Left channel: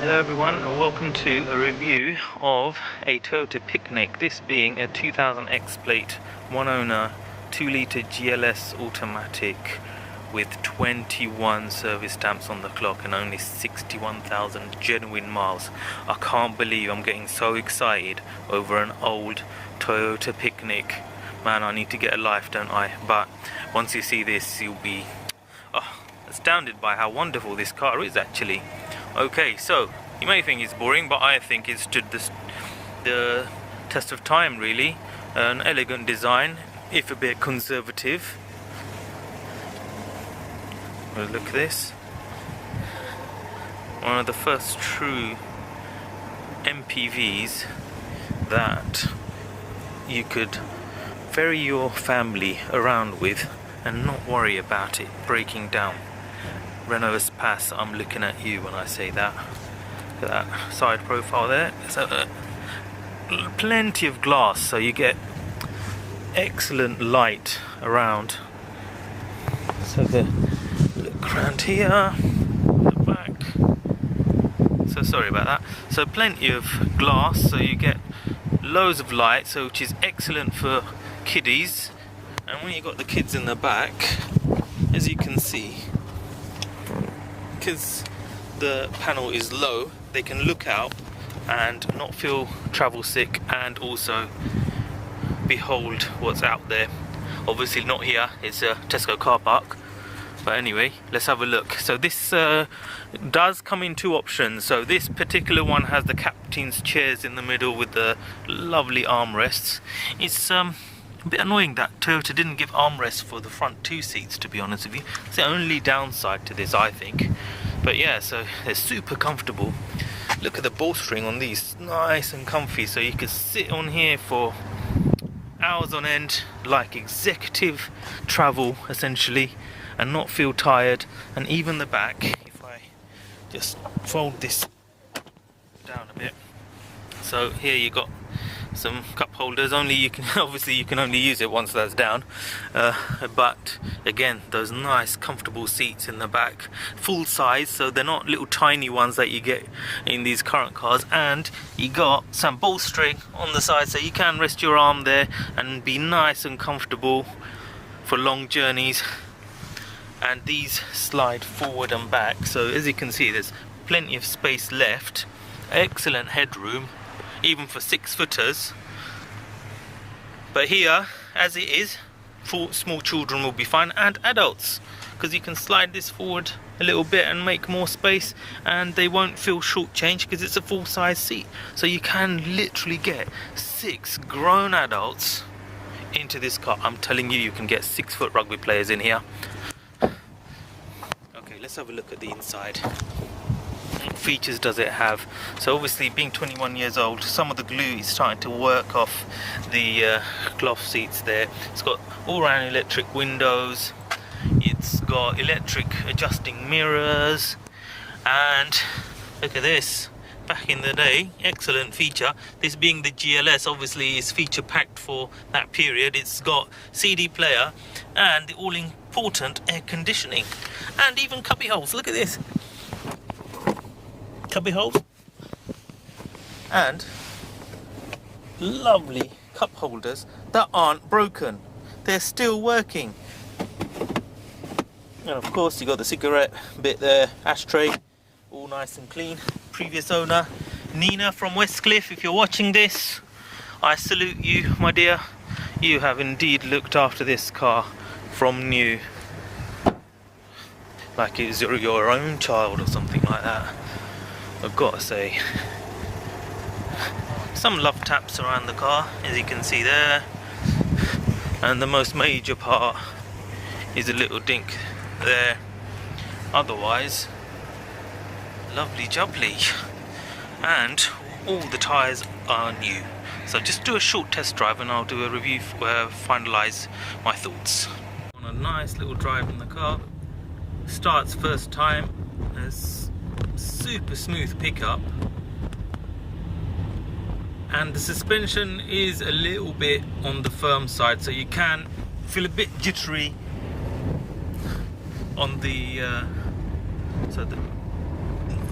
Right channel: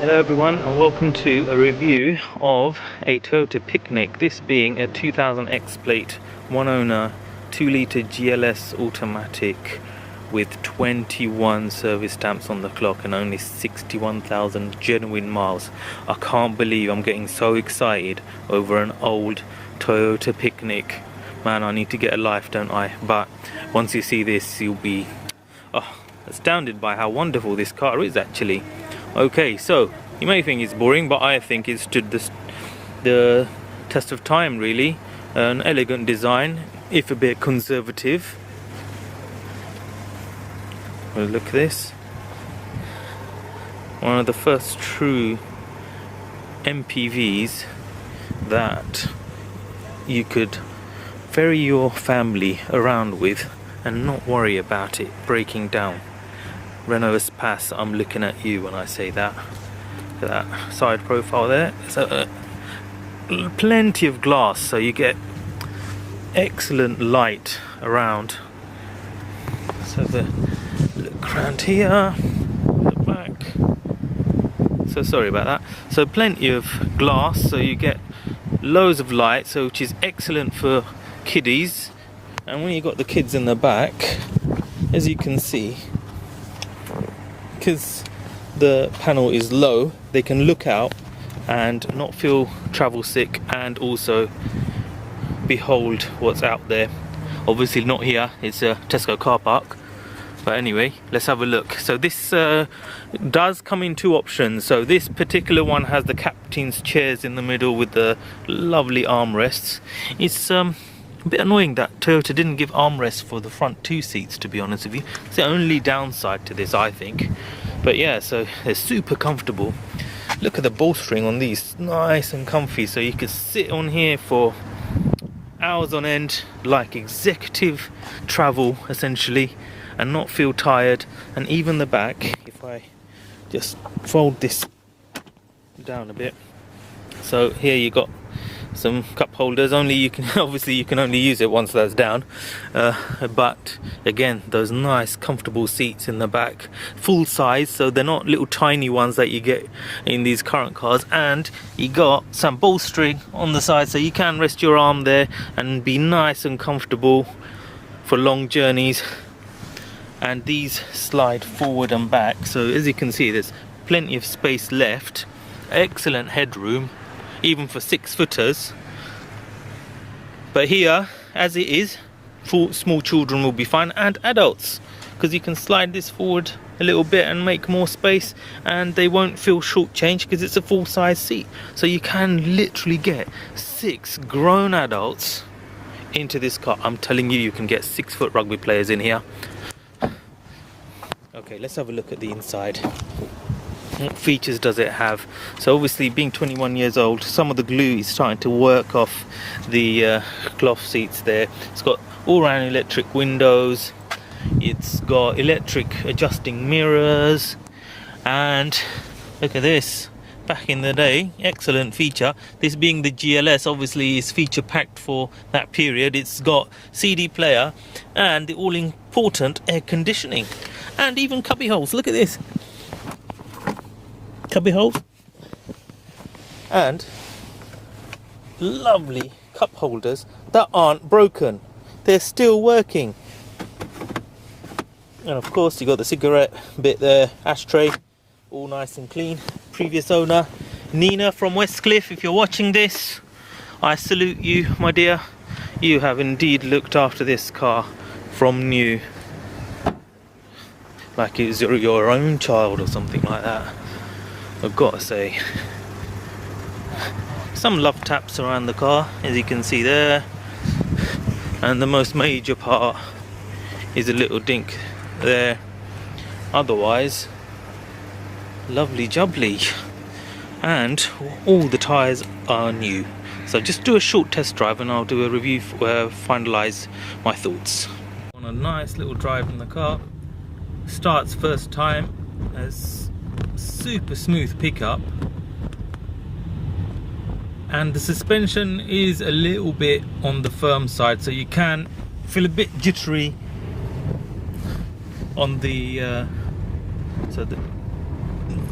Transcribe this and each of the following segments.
Hello everyone and welcome to a review of a Toyota Picnic, this being a 2000 X plate, one owner, 2-litre GLS automatic with 21 service stamps on the clock and only 61,000 genuine miles. I can't believe I'm getting so excited over an old Toyota Picnic. Man, I need to get a life, don't I? But once you see this, you'll be astounded by how wonderful this car is actually. Okay, so you may think it's boring, but I think it stood the test of time really. An elegant design, if a bit conservative. Well, look at this. One of the first true MPVs that you could ferry your family around with and not worry about it breaking down. Renault Espace, I'm looking at you when I say that. Look at that side profile there. So plenty of glass, so you get excellent light around. So the look around here, the back. So sorry about that. So plenty of glass, so you get loads of light, so which is excellent for kiddies. And when you got the kids in the back, as you can see, because the panel is low, they can look out and not feel travel sick and also behold what's out there. Obviously not here, it's a Tesco car park, but anyway, let's have a look. So this does come in two options. So this particular one has the captain's chairs in the middle with the lovely armrests. It's a bit annoying that Toyota didn't give armrests for the front two seats, to be honest with you. It's the only downside to this, I think. But yeah, so they're super comfortable. Look at the bolstering on these, nice and comfy, so you could sit on here for hours on end, like executive travel essentially, and not feel tired. And even the back, if I just fold this down a bit, so here you got some cup holders. Only you can obviously you can only use it once that's down, but again, those nice comfortable seats in the back, full size, so they're not little tiny ones that you get in these current cars. And you got some bolstering on the side, so you can rest your arm there and be nice and comfortable for long journeys. And these slide forward and back, so as you can see, there's plenty of space left, excellent headroom even for 6-footers. But here, as it is, for small children will be fine, and adults, because you can slide this forward a little bit and make more space, and they won't feel shortchanged because it's a full-size seat. So you can literally get 6 grown adults into this car. I'm telling you, you can get 6-foot rugby players in here. Okay, let's have a look at the inside. What features does it have? So obviously, being 21 years old, some of the glue is starting to work off the cloth seats there. It's got all-round electric windows, it's got electric adjusting mirrors, and look at this, back in the day, excellent feature. This being the GLS, obviously is feature packed for that period. It's got CD player and the all-important air conditioning, and even cubby holes. Look at this, cubby holes, and lovely cup holders that aren't broken, they're still working. And of course you got the cigarette bit there, ashtray, all nice and clean. Previous owner Nina from Westcliff, if you're watching this, I salute you, my dear. You have indeed looked after this car from new, like it was your own child or something like that. I've got to say, some love taps around the car, as you can see there, and the most major part is a little dink there. Otherwise, lovely jubbly, and all the tyres are new. So just do a short test drive and I'll do a review, finalise my thoughts. On a nice little drive in the car, starts first time, as super smooth pickup, and the suspension is a little bit on the firm side, so you can feel a bit jittery on the so the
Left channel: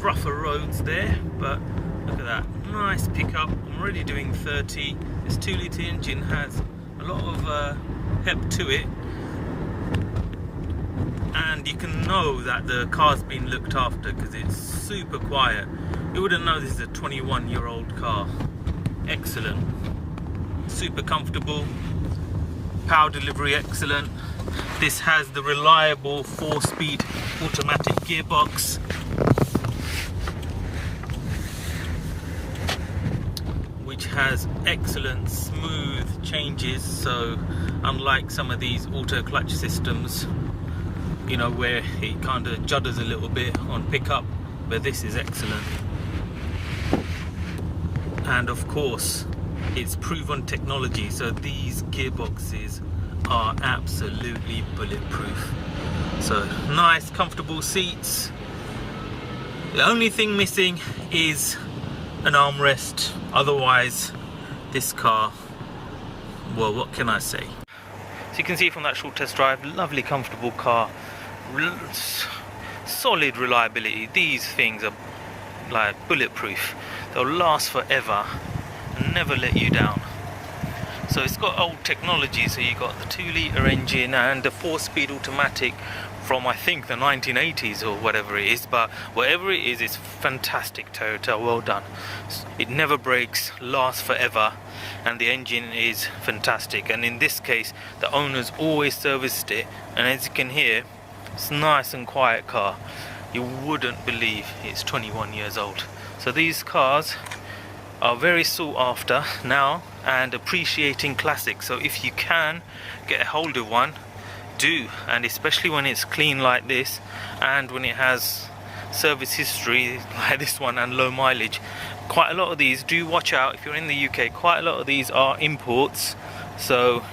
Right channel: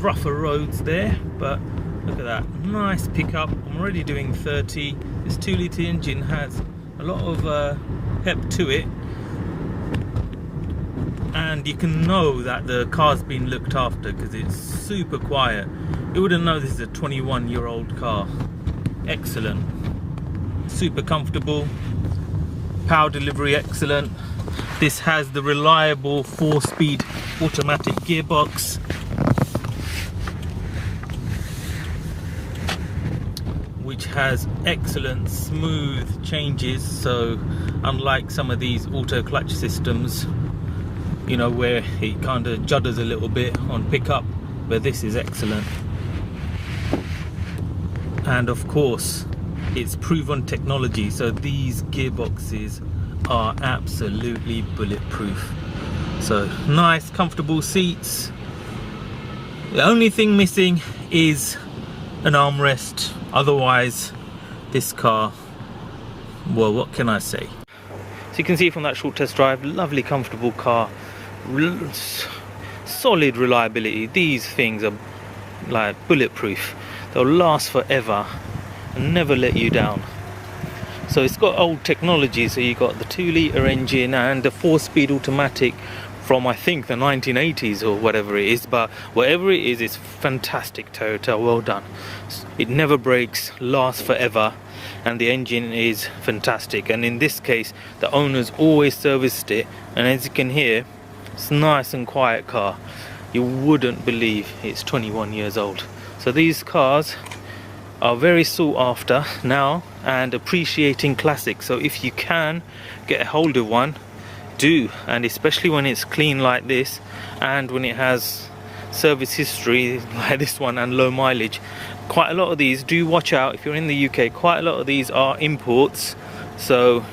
rougher roads there, but look at that, nice pickup. I'm already doing 30. This 2-litre engine has a lot of pep to it, and you can know that the car's been looked after because it's super quiet. You wouldn't know this is a 21-year-old car. Excellent, super comfortable, power delivery excellent. This has the reliable 4-speed automatic gearbox, which has excellent smooth changes. So unlike some of these auto clutch systems, you know, where it kind of judders a little bit on pickup, but this is excellent. And of course it's proven technology, so these gearboxes are absolutely bulletproof. So nice comfortable seats. The only thing missing is an armrest. Otherwise this car, well, what can I say? So you can see from that short test drive, lovely comfortable car, solid reliability. These things are like bulletproof. They'll last forever and never let you down. So it's got old technology, so you got the 2-litre engine and the 4-speed automatic from, I think, the 1980s or whatever it is, but whatever it is, it's fantastic. Toyota, well done. It never breaks, lasts forever, and the engine is fantastic. And in this case, the owners always serviced it, and as you can hear, it's a nice and quiet car. You wouldn't believe it's 21 years old. So these cars are very sought after now and appreciating classics. So if you can get a hold of one, do, and especially when it's clean like this and when it has service history like this one and low mileage. Quite a lot of these, do watch out if you're in the UK, quite a lot of these are imports, so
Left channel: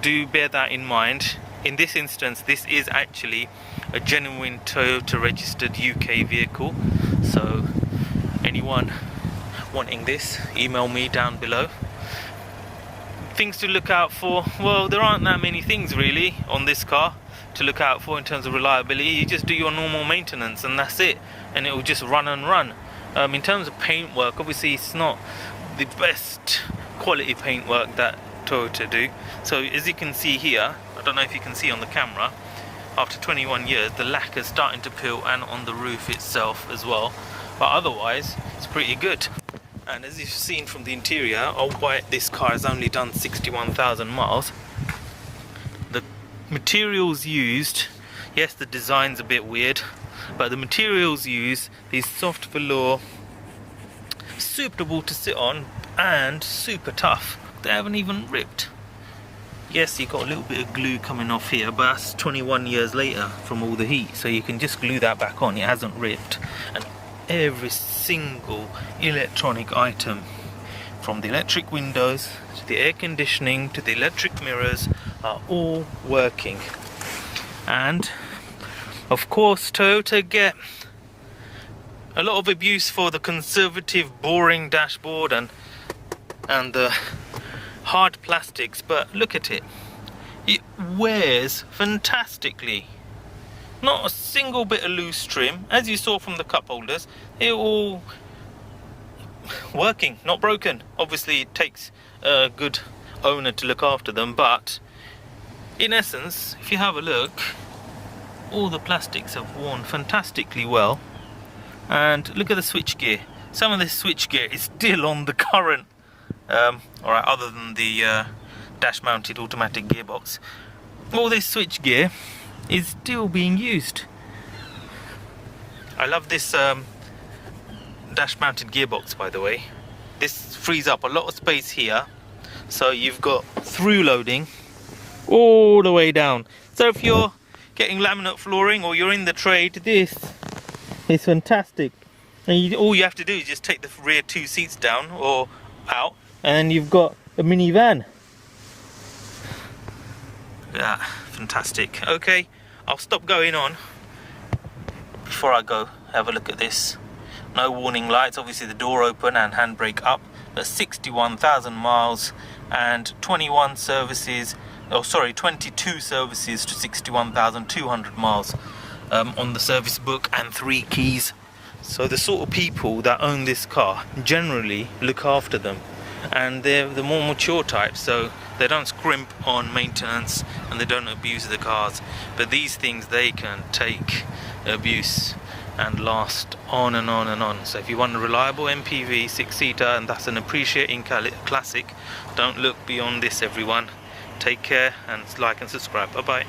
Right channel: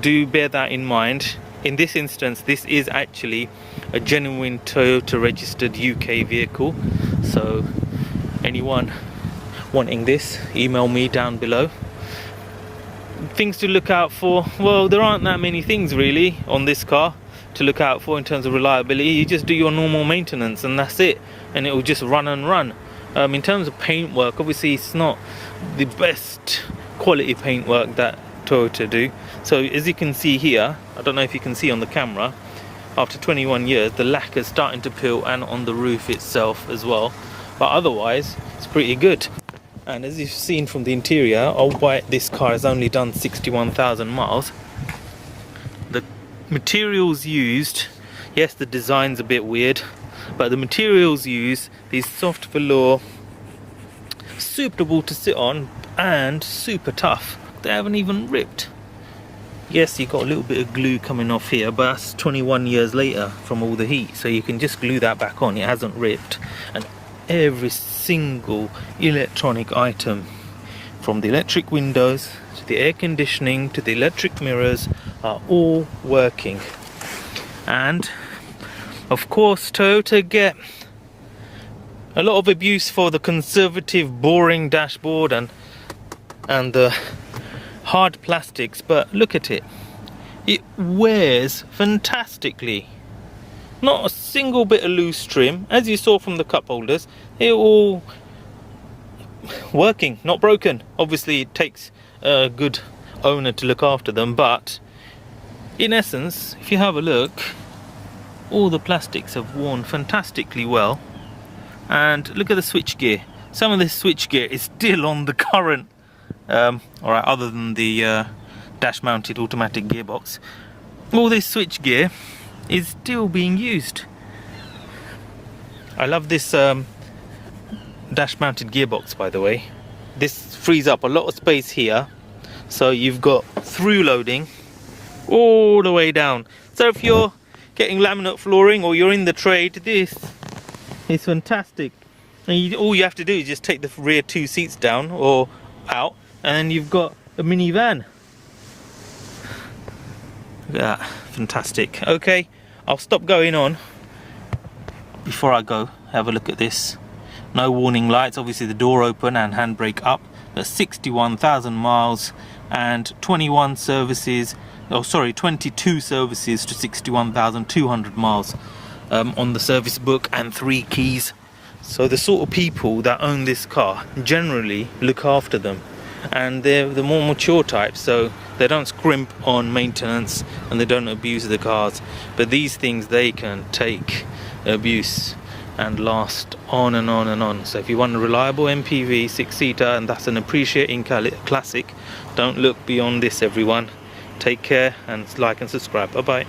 do bear that in mind. In this instance, this is actually a genuine Toyota registered UK vehicle, so anyone wanting this, email me down below. Things to look out for, well, there aren't that many things really on this car to look out for in terms of reliability. You just do your normal maintenance and that's it, and it will just run and run. In terms of paintwork, obviously it's not the best quality paintwork that Toyota do. So as you can see here, I don't know if you can see on the camera, after 21 years the lacquer is starting to peel, and on the roof itself as well, but otherwise it's pretty good. And as you've seen from the interior, albeit this car has only done 61,000 miles, the materials used, yes, the design's a bit weird, but the materials used is soft velour, suitable to sit on and super tough. They haven't even ripped. Yes, you got a little bit of glue coming off here, but that's 21 years later from all the heat, so you can just glue that back on. It hasn't ripped. And every single electronic item, from the electric windows to the air conditioning to the electric mirrors, are all working. And of course Toyota get a lot of abuse for the conservative, boring dashboard and the hard plastics, but look at it. It wears fantastically. Not a single bit of loose trim, as you saw from the cup holders. They're all working, not broken. Obviously it takes a good owner to look after them, but in essence, if you have a look, all the plastics have worn fantastically well. And look at the switchgear. Some of this switchgear is still on the current, alright, other than the dash mounted automatic gearbox, all this switchgear is still being used. I love this dash mounted gearbox, by the way. This frees up a lot of space here, so you've got through loading all the way down. So if you're getting laminate flooring or you're in the trade, this is fantastic. And all you have to do is just take the rear 2 seats down or out, and then you've got a minivan. Look at that, fantastic. Okay, I'll stop going on. Before I go, have a look at this. No warning lights, obviously the door open and handbrake up. That's 61,000 miles and 21 services, oh sorry, 22 services to 61,200 miles on the service book, and 3 keys. So the sort of people that own this car generally look after them, and they're the more mature type, so they don't scrimp on maintenance and they don't abuse the cars. But these things, they can take abuse and last on and on and on. So if you want a reliable MPV 6-seater, and that's an appreciating classic, don't look beyond this, everyone. Take care and like and subscribe. Bye bye.